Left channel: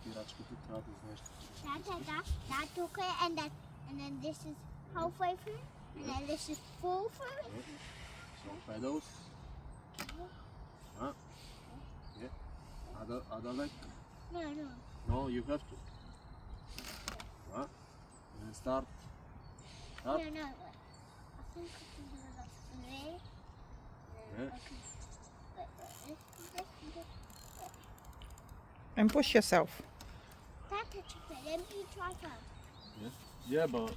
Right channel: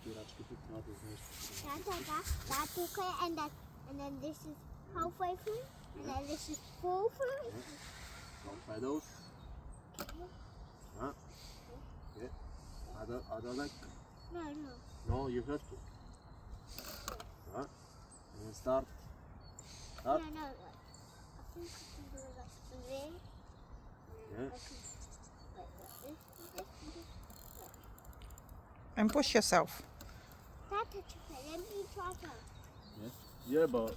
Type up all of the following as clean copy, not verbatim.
спирачките трябва да знаеш. That okay, and then this is halfway through, and then this is full through. Some pedals. Huh? Yeah. Other leg. No. No, you have to. Huh? And then start. No, Up. no. Wait. I think I can do it like there. Yeah. Okay. Wait. And push yourself. That's okay. Let me try first. Yes. Yeah, but.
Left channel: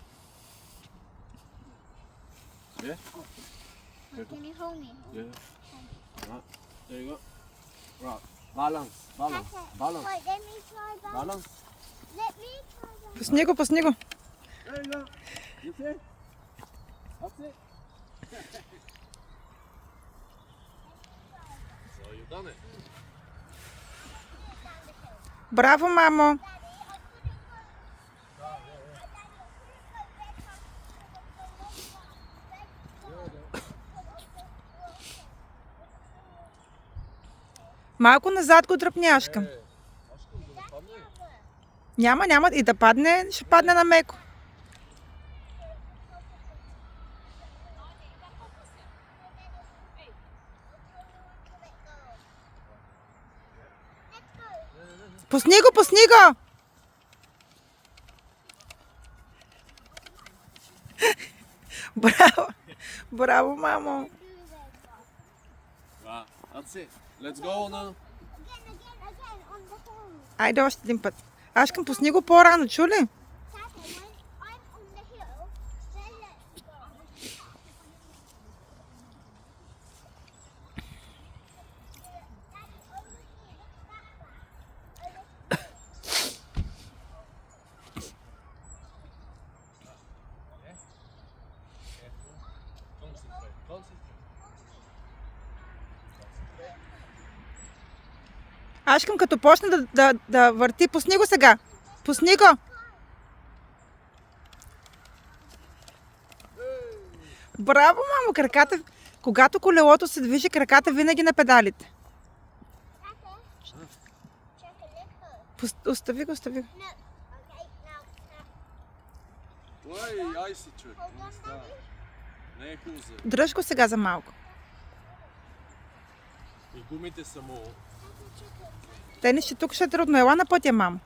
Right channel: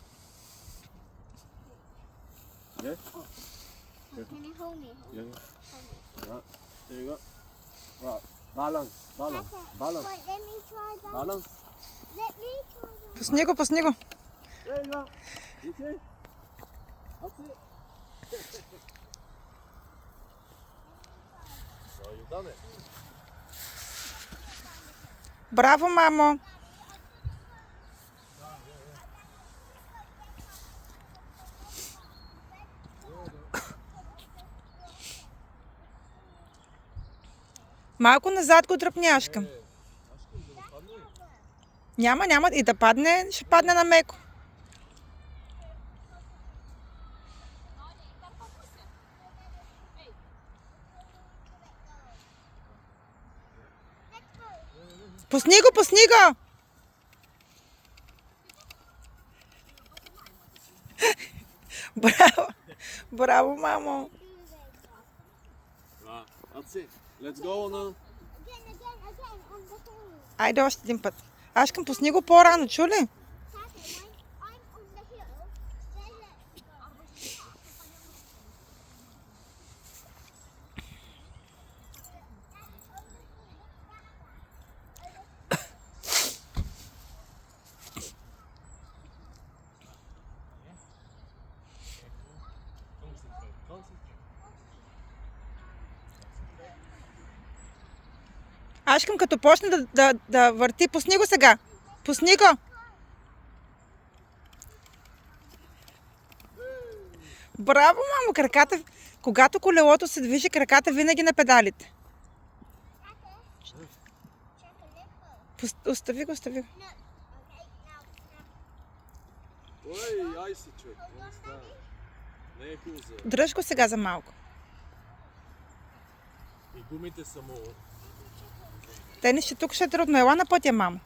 Yeah. Can you hold me? Yeah. Right. There you go. Right. Balance. Balance. Balance. Wait, let me try that. Balance. Let me try that. Пусни го. There you go. You see? That's it. So you done it. Браво, мамо. Малко назад го дръпняшкам. Няма и да падне, ще падне на меко. Пусни го! Браво, мамо. Right. That's it. Let's go now. Again, on the hill. Айде още един път. Ашкам, пусни го по-рано, чули? Tata, when I'm on the hill, then let's go. Ашкам, като почне да върти, пусни го сега. Пусни го. Браво, мамо, краката. Когато колелото се движи, краката винаги на педалите. Остави го. No. Okay, now. Ой, айсиче. Не е хубаво. Дръж го сега за малко. И гумите са му... Те не ще тук ще е трудно. Ела на пътя, мамо.